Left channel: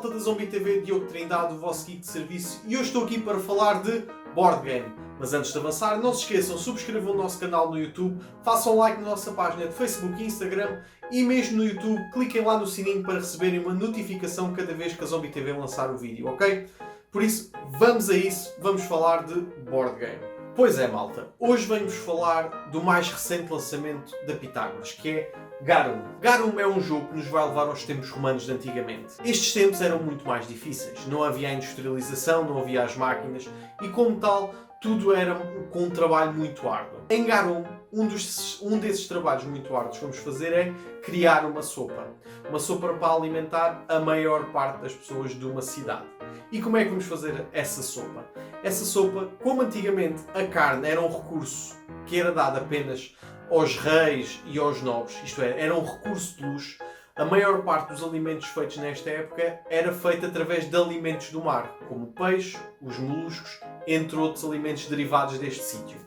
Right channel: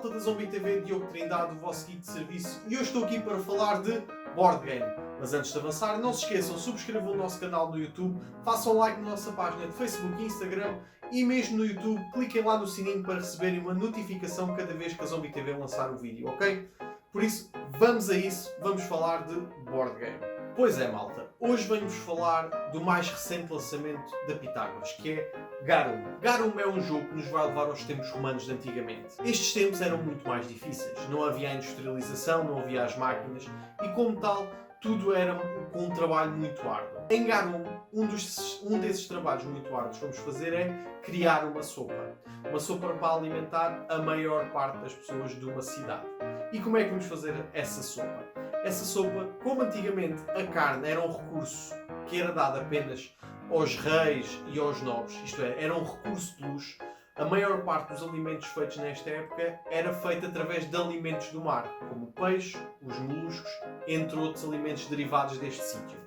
malta da Zombie TV, Diogo Trindade, o vosso geek de serviço, e eu estou aqui para falar de board game. Mas antes de avançar, não se esqueçam, subscrevam o nosso canal no YouTube, façam like na nossa página de Facebook e Instagram, e mesmo no YouTube, cliquem lá no sininho para receberem uma notificação cada vez que a Zombie TV lançar o vídeo, ok? Por isso, vamos a isso, vamos falar de board game. Pois é, malta, hoje vamos falar do mais recente lançamento da Pitágoras, que é Garum. Garum é um jogo que nos vai levar aos tempos romanos de antigamente. Estes tempos eram muito mais difíceis, não havia a industrialização, não havia as máquinas, e como tal, tudo era com um trabalho muito árduo. Em Garum, um desses trabalhos muito árduos que vamos fazer é criar uma sopa. Uma sopa para alimentar a maior parte das pessoas de uma cidade. E como é que vamos fazer essa sopa? Essa sopa, como antigamente a carne era um recurso que era dado apenas aos reis e aos nobres, isto é, era um recurso de luxo, a maior parte dos alimentos feitos nesta época era feita através de alimentos do mar, como o peixe, os moluscos, entre outros alimentos derivados deste sítio.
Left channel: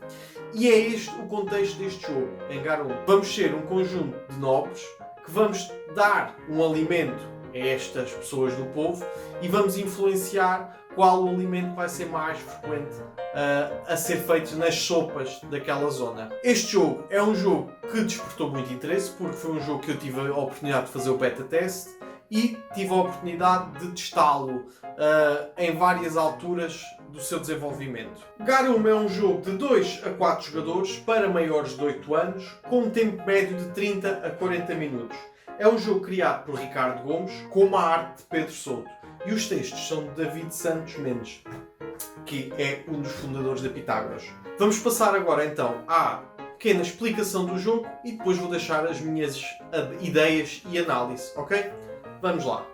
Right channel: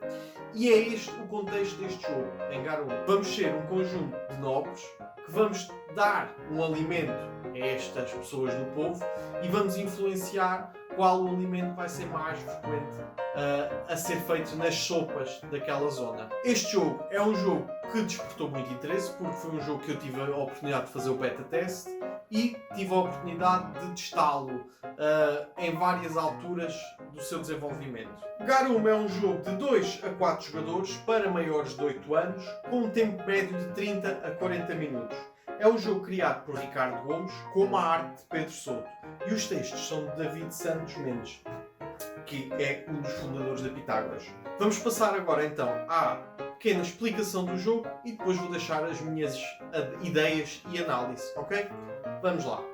E é este o contexto deste jogo, em Garum. Vamos ser um conjunto de nobres que vamos dar um alimento a estas pessoas do povo e vamos influenciar qual o alimento vai ser mais frequente a ser feito nas sopas daquela zona. Este jogo é um jogo que despertou muito interesse porque foi um jogo que eu tive a oportunidade de fazer o beta test e tive a oportunidade de testá-lo em várias alturas do seu desenvolvimento. Garum é um jogo de 2 a 4 jogadores para maiores de 8 anos com um tempo médio de 30 a 40 minutos. É um jogo criado por Ricardo Gomes com uma arte de Pedro Souto e os textos são de David Santos Mendes, que é um dos fundadores da Pitágoras. Vamos passar agora então à pequena explicação do jogo e depois vou deixar as minhas ideias e análise, ok? Vamos lá.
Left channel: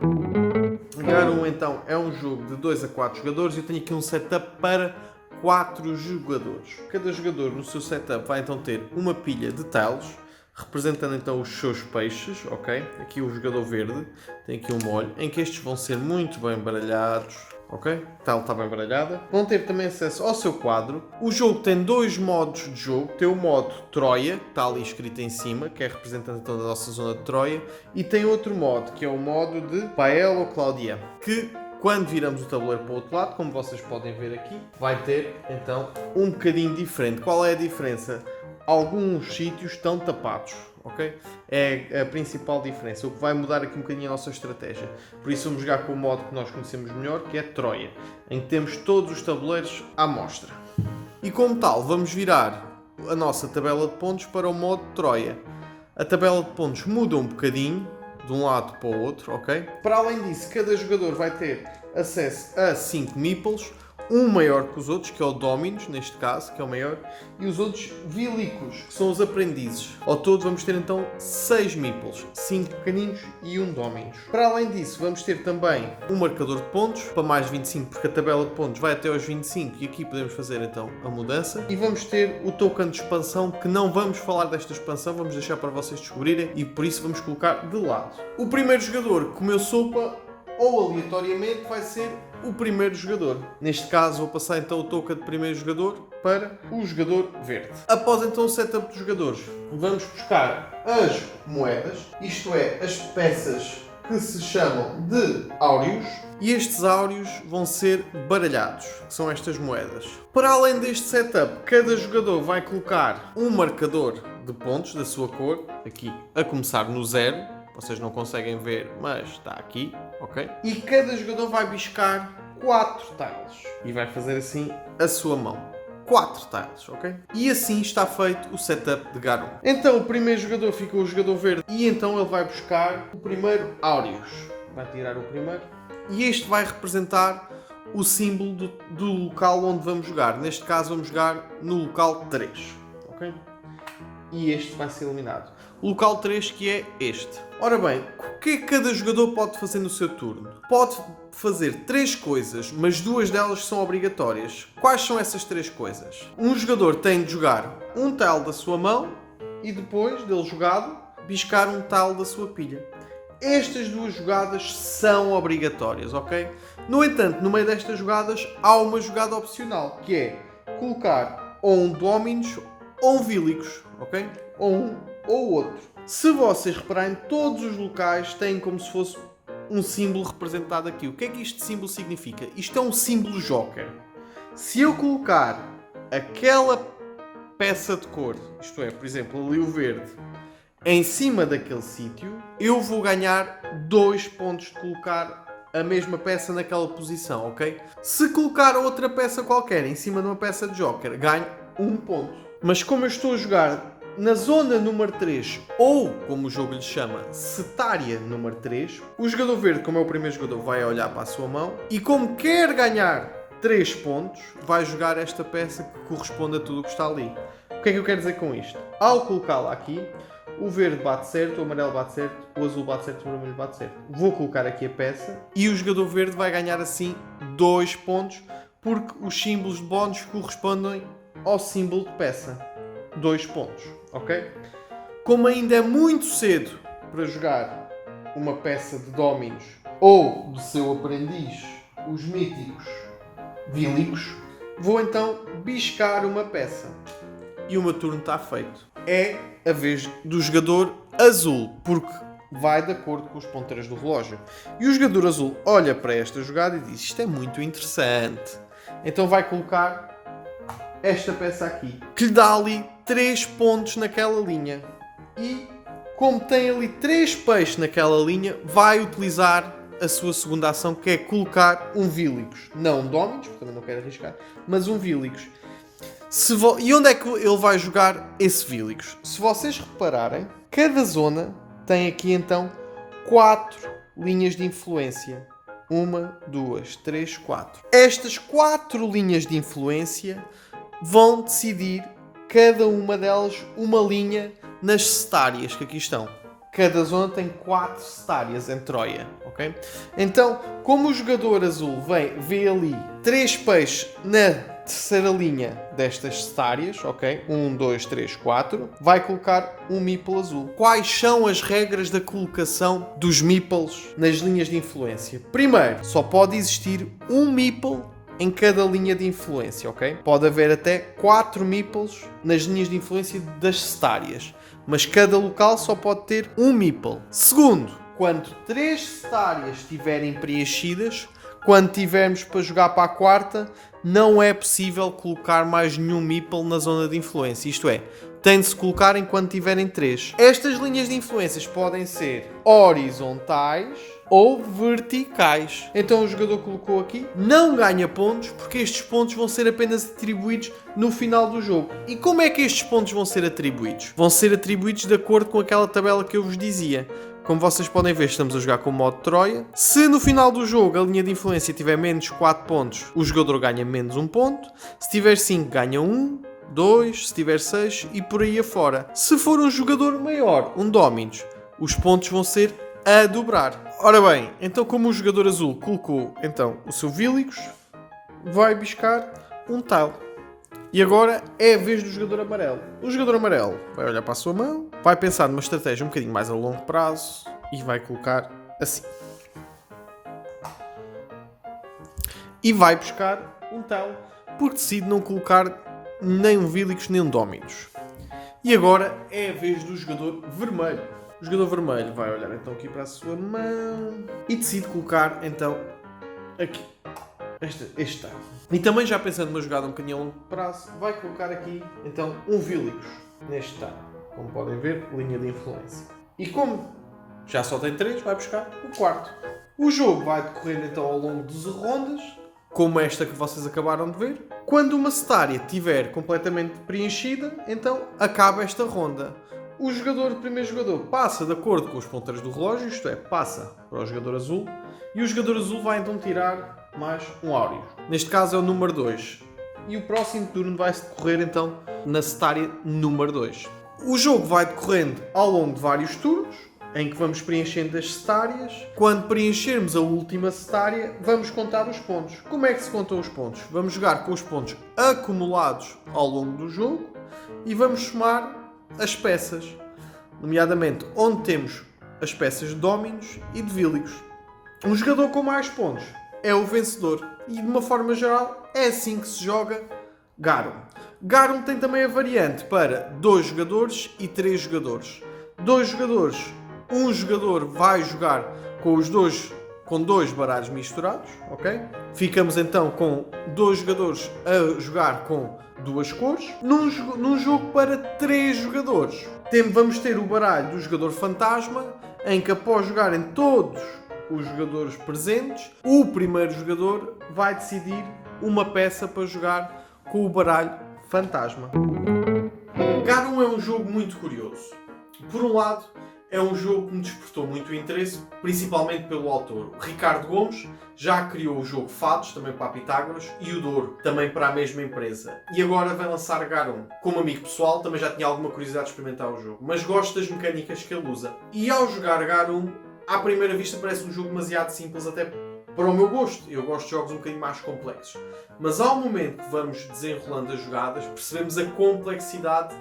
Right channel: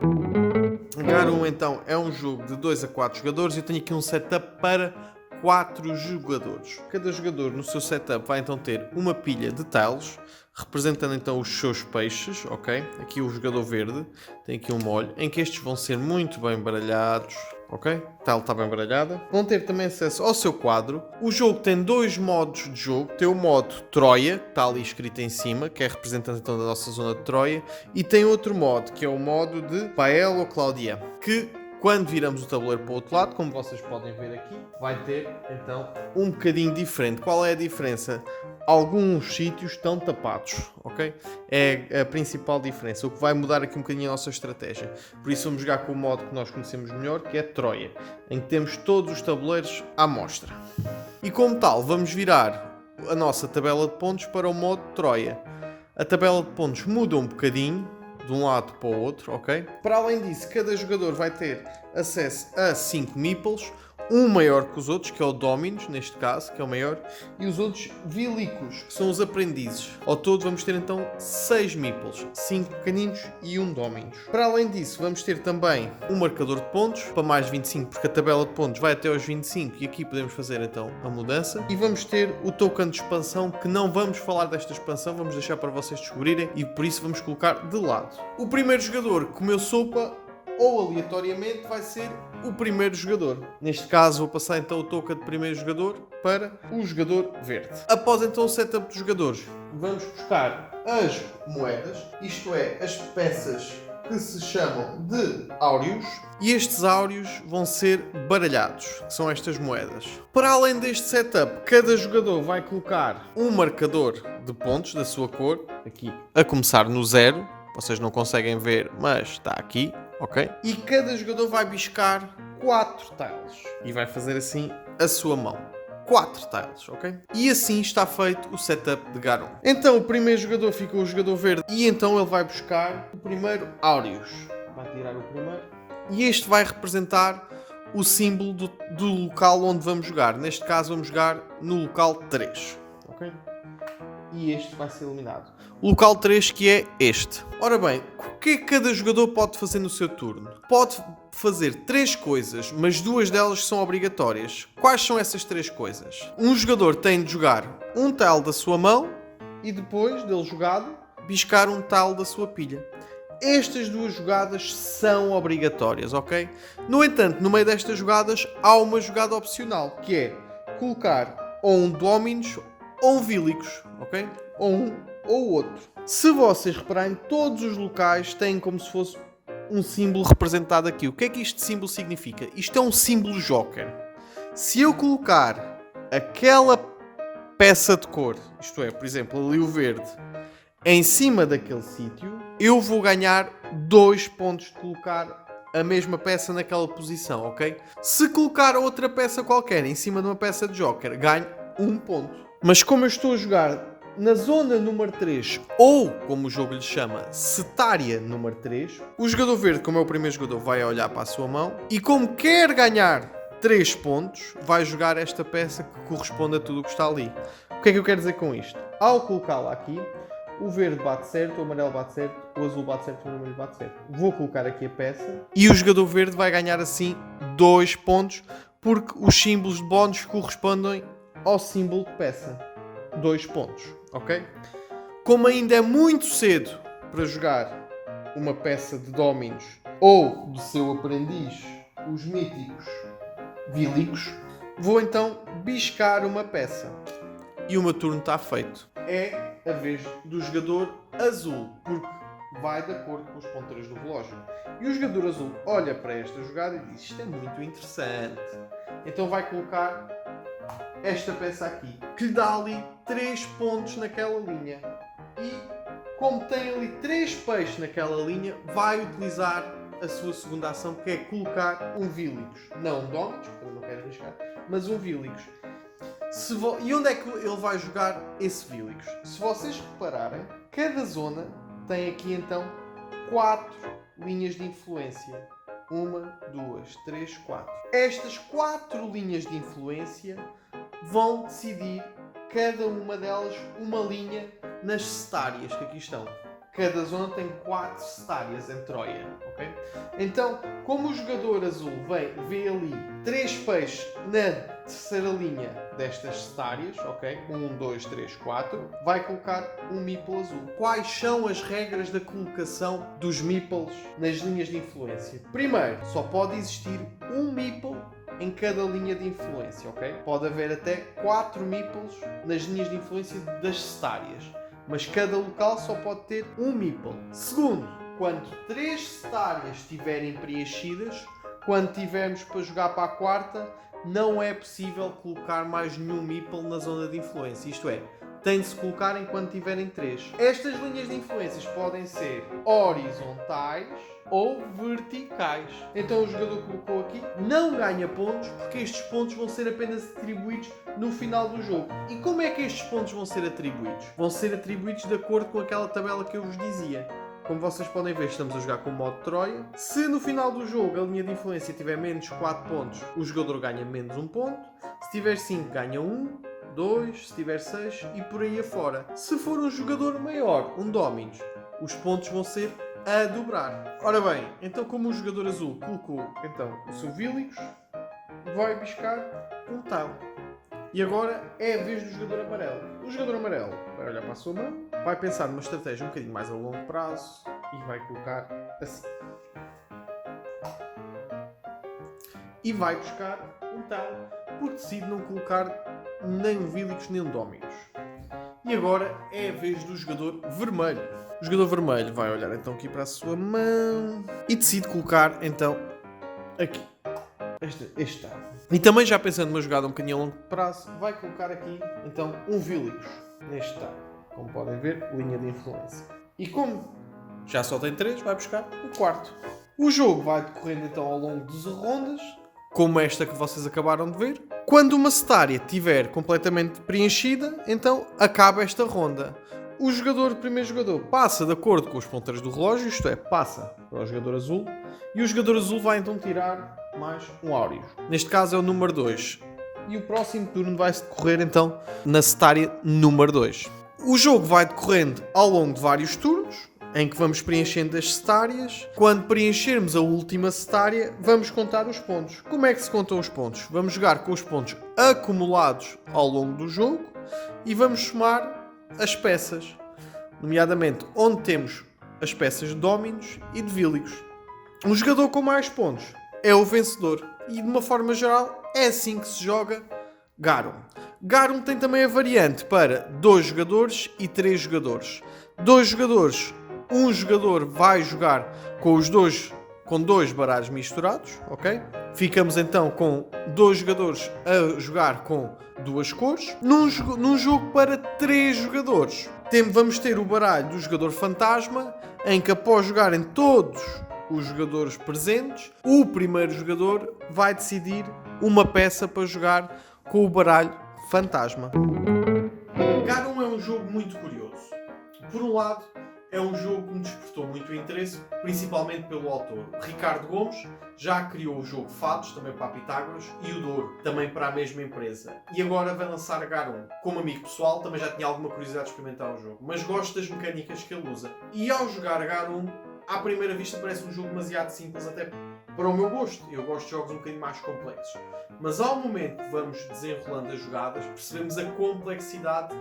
Garum então é um jogo de 2 a 4 jogadores e eu tenho aqui um setup para 4 jogadores. Cada jogador no seu setup vai então ter uma pilha de tiles, representando então os seus peixes, ok? Aqui o jogador verde tem aqui um molho, em que estes vão ser muito bem baralhados, ok? A tile está bem baralhada. Vão ter também acesso ao seu quadro. O jogo tem 2 modos de jogo. Tem o modo Troia, que está ali escrito em cima, que é representante então da nossa zona de Troia. E tem outro modo, que é o modo de Pael ou Claudia, que quando viramos o tabuleiro para o outro lado, como vocês podem ver aqui, vai ter então um bocadinho diferente. Qual é a diferença? Alguns sítios estão tapados, ok? É a principal diferença, o que vai mudar aqui um bocadinho a nossa estratégia. Por isso vamos jogar com o modo que nós conhecemos melhor, que é Troia, em que temos todos os tabuleiros à mostra. E como tal, vamos virar a nossa tabela de pontos para o modo Troia. A tabela de pontos muda um bocadinho, de um lado para o outro, ok? Para além disso, cada jogador vai ter acesso a 5 meeples, um maior que os outros, que é o Dominus, neste caso, que é o maior, e os outros Vilicos, que são os aprendizes. Ao todo vamos ter então 6 meeples, 5 pequeninos e um Dominus. Para além disso, vamos ter também um marcador de pontos, para mais 25, porque a tabela de pontos vai até aos 25, e aqui podemos fazer então a mudança. E vamos ter o token de expansão, que não vamos falar desta expansão, vamos deixar para vocês descobrirem, e por isso vamos colocar de lado. O primeiro jogador que comeu sopa, ou aleatoriamente vai ser o primeiro jogador. Neste caso vou passar então o token de primeiro jogador para o jogador verde. Após então o setup dos jogadores, vamos buscar as moedas, isto é, as peças que se chamam de áureos, e estes áureos vão ser baralhados, que são estas moedas. Para além deste setup, cada jogador vai colocar um marcador de pontos da sua cor, aqui a começar no 0, vocês não conseguem ver, mas está aqui, ok? E cada jogador vai biscar 4 tiles e vai fazer assim a sua mão. 4 tiles, ok? E assim está feito o setup de Garum. Então o primeiro jogador fica o jogador verde e então ele vai buscar o primeiro áureos. Vai tirar o primeiro. E este vai representar o símbolo do local onde vamos jogar. Neste caso vamos jogar no local 3, ok? E este vai ser eliminado. O local 3, que é este. Ora bem, o que é que cada jogador pode fazer no seu turno? Pode fazer 3 coisas, mas 2 delas são obrigatórias. Quais são essas 3 coisas? Um jogador tem de jogar um tile da sua mão e depois dele jogado, biscar um tile da sua pilha. Estas 2 jogadas são obrigatórias, ok? No entanto, no meio destas jogadas há uma jogada opcional, que é colocar ou um Dominus ou um Vilicos, ok? Ou um ou outro. Se vocês repararem, todos os locais têm como se fosse um símbolo representado aqui. O que é que este símbolo significa? Isto é um símbolo joker. Se eu colocar aquela peça de cor, isto é, por exemplo, ali o verde, em cima daquele sítio, eu vou ganhar 2 pontos de colocar a mesma peça naquela posição, ok? Se colocar outra peça qualquer em cima de uma peça de joker, ganho 1 ponto. Mas como eu estou a jogar na zona número 3, ou como o jogo lhe chama, setária número 3, o jogador verde, como é o primeiro jogador, vai olhar para a sua mão e como quer ganhar 3 pontos, vai jogar esta peça que corresponde a tudo o que está ali. O que é que eu quero dizer com isto? Ao colocá-la aqui, o verde bate certo, o amarelo bate certo, o azul bate certo, o vermelho bate certo. Vou colocar aqui a peça e o jogador verde vai ganhar assim 2 pontos, porque os símbolos de bónus correspondem ao símbolo de peça. 2 pontos, ok? Como ainda é muito cedo para jogar uma peça de Dominos ou de seu aprendiz, os míticos Vílicos, vou então biscar uma peça. E o meu turno está feito. É a vez do jogador azul, porque vai de acordo com os ponteiros do relógio. E o jogador azul olha para esta jogada e diz: isto é muito interessante. Então vai colocar esta peça aqui, que lhe dá ali 3 pontos naquela linha. E como tem ali 3 peixes naquela linha, vai utilizar a sua segunda ação, que é colocar um Vílicos. Não um Dominos, porque também não quero arriscar, mas um Vílicos. E onde é que ele vai jogar esse Vílicos? Se vocês repararem, cada zona tem aqui então 4 linhas de influência. 1, 2, 3, 4. Estas 4 linhas de influência vão decidir, cada uma delas, uma linha nas setárias que aqui estão. Cada zona tem 4 setárias em Troia, ok? Então, como o jogador azul vê ali 3 peixes na terceira linha destas setárias, ok? 1, 2, 3, 4, vai colocar um meeple azul. Quais são as regras da colocação dos meeples nas linhas de influência? Primeiro, só pode existir um meeple em cada linha de influência, ok? Pode haver até 4 meeples nas linhas de influência das setárias, mas cada local só pode ter um meeple. Segundo, quando 3 setárias estiverem preenchidas, quando tivermos para jogar para a quarta, não é possível colocar mais nenhum meeple na zona de influência. Isto é, tem de se colocar enquanto tiverem 3. Estas linhas de influências podem ser horizontais ou verticais. Então o jogador colocou aqui, não ganha pontos, porque estes pontos vão ser apenas atribuídos no final do jogo. E como é que estes pontos vão ser atribuídos? Vão ser atribuídos de acordo com aquela tabela que eu vos dizia. Como vocês podem ver, estamos a jogar com o modo Troia. Se no final do jogo a linha de influência tiver menos 4 pontos, o jogador ganha menos 1 ponto. Se tiver 5, ganha 1, 2, se tiver 6 e por aí afora. Se for um jogador maior, um Dominos, os pontos vão ser a dobrar. Ora bem, então como o jogador azul colocou então o seu Vílicos, vai buscar um tal. E agora é a vez do jogador amarelo. O jogador amarelo vai olhar para a sua mão, vai pensar numa estratégia um bocadinho mais a longo prazo e vai colocar assim. E vai buscar um tal, porque decide não colocar nem um Vílicos nem um Dominos. E agora é a vez do jogador vermelho. O jogador vermelho vai olhar então aqui para a sua mão e decide colocar então aqui este tal. E também já pensando numa jogada um bocadinho a longo prazo, vai colocar aqui então um Vílicos neste tal. Como podem ver, linha de influência. E como já só tem 3, vai buscar o quarto. O jogo vai decorrendo então ao longo de 12 rondas, como esta que vocês acabaram de ver. Quando uma setária estiver completamente preenchida, então acaba esta ronda. O primeiro jogador passa de acordo com os ponteiros do relógio, isto é, passa para o jogador azul, e o jogador azul vai então tirar mais um áureo. Neste caso é o número 2. E o próximo turno vai se decorrer então na setária número 2. O jogo vai decorrendo ao longo de vários turnos, em que vamos preenchendo as setárias. Quando preenchermos a última setária, vamos contar os pontos. Como é que se contam os pontos? Vamos jogar com os pontos acumulados ao longo do jogo e vamos somar as peças, nomeadamente onde temos as peças de Dominos e de Vílicos. Um jogador com mais pontos é o vencedor e, de uma forma geral, é assim que se joga Garum. Garum tem também a variante para 2 jogadores e 3 jogadores. 2 jogadores, um jogador vai jogar com os 2 com 2 baralhos misturados, ok? Ficamos então com 2 jogadores a jogar com 2 cores. Num jogo para 3 jogadores, vamos ter o baralho do jogador fantasma, em que após jogarem todos os jogadores presentes, o primeiro jogador vai decidir uma peça para jogar com o baralho fantasma. Garum é um jogo muito curioso. Por um lado, é um jogo que me despertou muito interesse, principalmente pelo autor. O Ricardo Gomes já criou o jogo Fados, também para a Pitágoras, e o Douro, também para a mesma empresa. E agora vai lançar Garum. Como amigo pessoal, também já tinha alguma curiosidade de experimentar o jogo, mas gosto das mecânicas que ele usa. E ao jogar Garum, à primeira vista parece um jogo demasiado simples, até para o meu gosto. Eu gosto de jogos um bocadinho mais complexos. Mas ao momento que vamos desenrolando as jogadas, percebemos a complexidade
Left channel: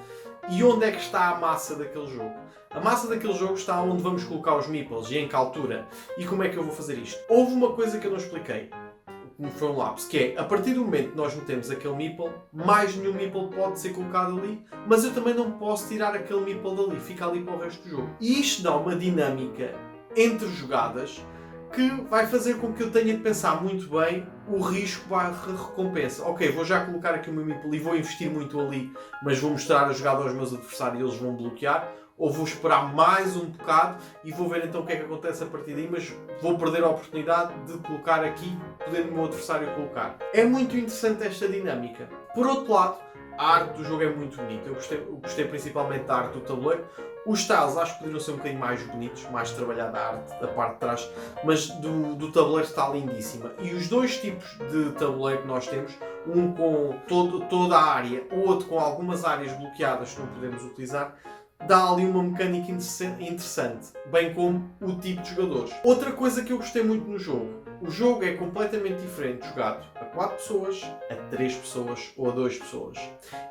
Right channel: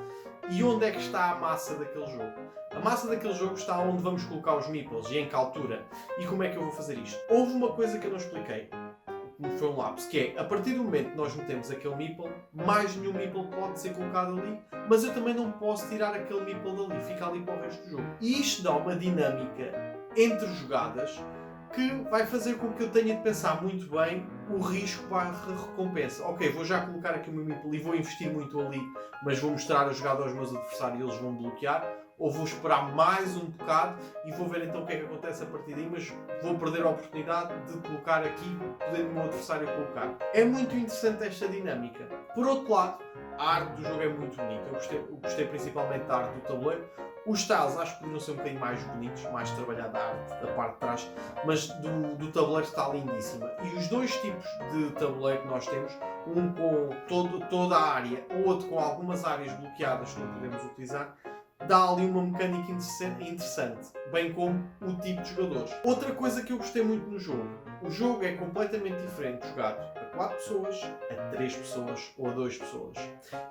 e onde é que está a massa daquele jogo. A massa daquele jogo está onde vamos colocar os meeples e em que altura. E como é que eu vou fazer isto? Houve uma coisa que eu não expliquei, como foi um lapso, que é, a partir do momento que nós metemos aquele meeple, mais nenhum meeple pode ser colocado ali, mas eu também não posso tirar aquele meeple dali, fica ali para o resto do jogo. E isto dá uma dinâmica entre jogadas que vai fazer com que eu tenha de pensar muito bem o risco barra recompensa. Ok, vou já colocar aqui o meu meeple e vou investir muito ali, mas vou mostrar a jogada aos meus adversários e eles vão bloquear. Ou vou esperar mais um bocado e vou ver então o que é que acontece a partir daí, mas vou perder a oportunidade de colocar aqui, podendo o meu adversário colocar. É muito interessante esta dinâmica. Por outro lado, a arte do jogo é muito bonita. Eu gostei principalmente da arte do tabuleiro. Os tiles acho que poderiam ser um bocadinho mais bonitos, mais trabalhada a arte da parte de trás, mas do tabuleiro está lindíssima. E os dois tipos de tabuleiro que nós temos, um com toda a área, o outro com algumas áreas bloqueadas que não podemos utilizar, dá ali uma mecânica interessante, bem como o tipo de jogadores. Outra coisa que eu gostei muito no jogo, o jogo é completamente diferente jogado a 4 pessoas, a 3 pessoas ou a 2 pessoas.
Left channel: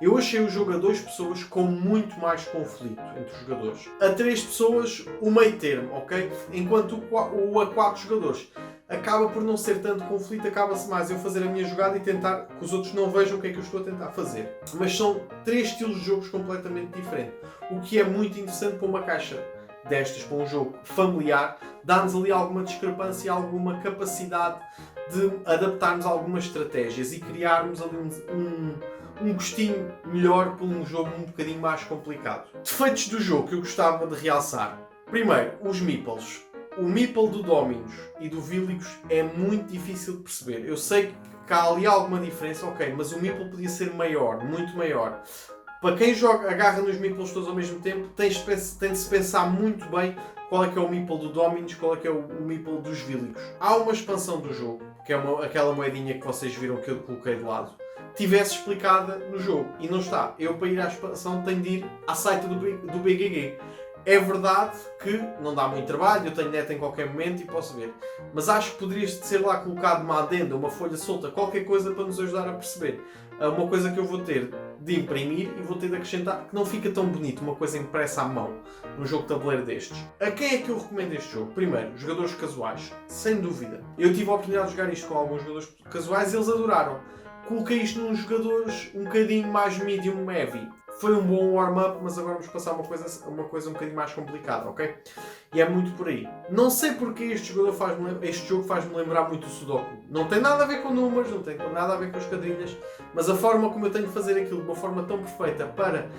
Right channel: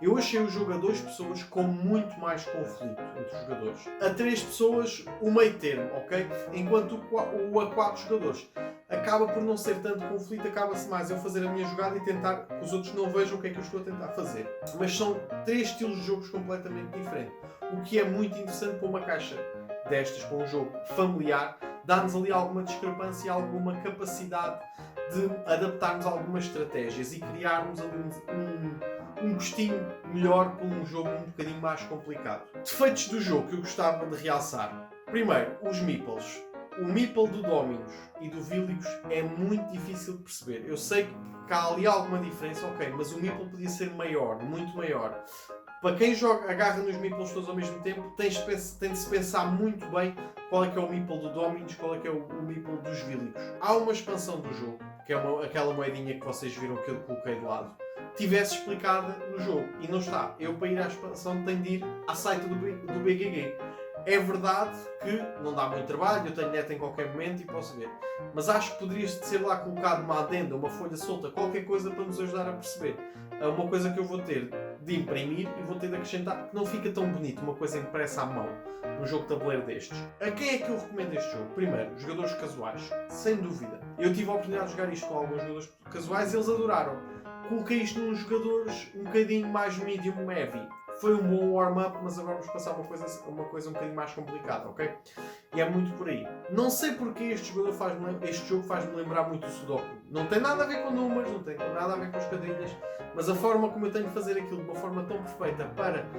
Eu achei o jogo a 2 pessoas com muito mais conflito entre os jogadores. A 3 pessoas, o meio termo, ok? Enquanto o a 4 jogadores acaba por não ser tanto conflito, acaba-se mais eu fazer a minha jogada e tentar que os outros não vejam o que é que eu estou a tentar fazer. Mas são 3 estilos de jogos completamente diferentes. O que é muito interessante para uma caixa destas, para um jogo familiar, dá-nos ali alguma discrepância, alguma capacidade de adaptarmos algumas estratégias e criarmos ali um gostinho melhor para um jogo um bocadinho mais complicado. Defeitos do jogo que eu gostava de realçar. Primeiro, os meeples. O meeple do Dominus e do Villicus é muito difícil de perceber. Eu sei que há ali alguma diferença, ok, mas o meeple podia ser maior, muito maior. Para quem agarra nos meeples todos ao mesmo tempo, tem de se pensar muito bem qual é que é o meeple do Dominus, qual é que é o meeple dos Villicus. Há uma expansão do jogo, que é aquela moedinha que vocês viram que eu coloquei de lado, tivesse explicada no jogo, e não está. Eu, para ir à expansão, tenho de ir à site do BGG. É verdade que não dá muito trabalho, eu tenho net em qualquer momento e posso ver. Mas acho que poderia ser lá colocado uma adenda, uma folha solta, qualquer coisa para nos ajudar a perceber. Uma coisa que eu vou ter de imprimir e vou ter de acrescentar, que não fica tão bonito, uma coisa impressa à mão, num jogo de tabuleiro destes. A quem é que eu recomendo este jogo? Primeiro, jogadores casuais, sem dúvida. Eu tive a oportunidade de jogar isto com alguns jogadores casuais e eles adoraram. Coloquei isto nos jogadores um bocadinho mais medium heavy. Foi um bom warm-up, mas agora vamos passar uma coisa um bocadinho mais complicada, ok? E é muito por aí. Não sei porque este jogo faz-me lembrar muito o Sudoku. Não tem nada a ver com números, não tem nada a ver com as quadrilhas, mas a forma como eu tenho de fazer aquilo de uma forma tão perfeita para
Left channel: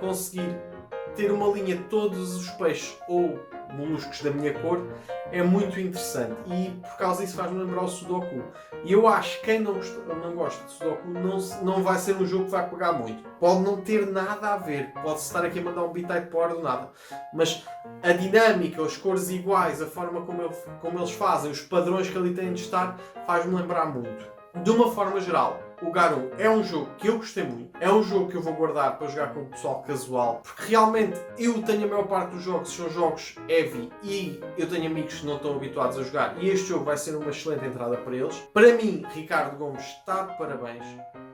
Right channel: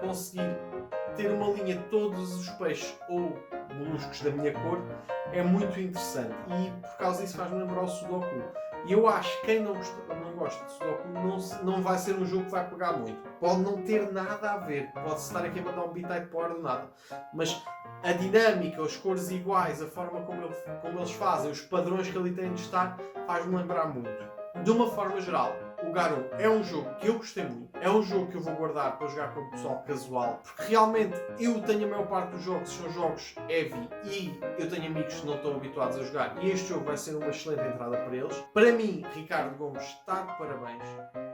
conseguir ter uma linha de todos os peixes ou moluscos da minha cor é muito interessante. E por causa disso faz-me lembrar o Sudoku. E eu acho que quem não gosta de Sudoku não vai ser um jogo que vai pegar muito. Pode não ter nada a ver. Pode-se estar aqui a mandar um bitite para do nada. Mas a dinâmica, as cores iguais, a forma como eles fazem, os padrões que ali têm de estar, faz-me lembrar muito. De uma forma geral, o Garum é um jogo que eu gostei muito. É um jogo que eu vou guardar para jogar com o pessoal casual. Porque realmente eu tenho a maior parte dos jogos, são jogos heavy e eu tenho amigos que não estão habituados a jogar. E este jogo vai ser uma excelente entrada para eles. Para mim, Ricardo Gomes está de parabéns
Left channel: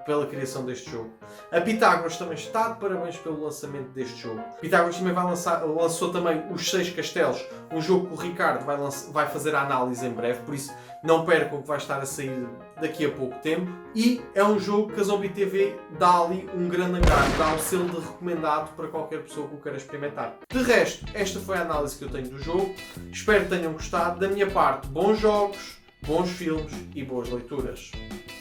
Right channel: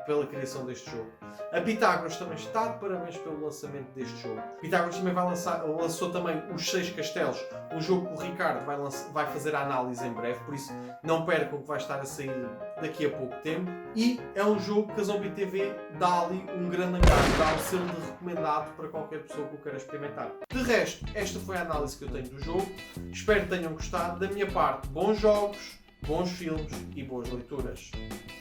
pela criação deste jogo. A Pitágoras também está de parabéns pelo lançamento deste jogo. A Pitágoras também lançou também os 6 Castelos, um jogo que o Ricardo vai fazer a análise em breve, por isso não percam que vai estar a sair daqui a pouco tempo. E é um jogo que a Zombie TV dá ali um grande encargo, dá um selo de recomendado para qualquer pessoa que o queira experimentar. De resto, esta foi a análise que eu tenho do jogo. Espero que tenham gostado. Da minha parte, bons jogos, bons filmes e boas leituras.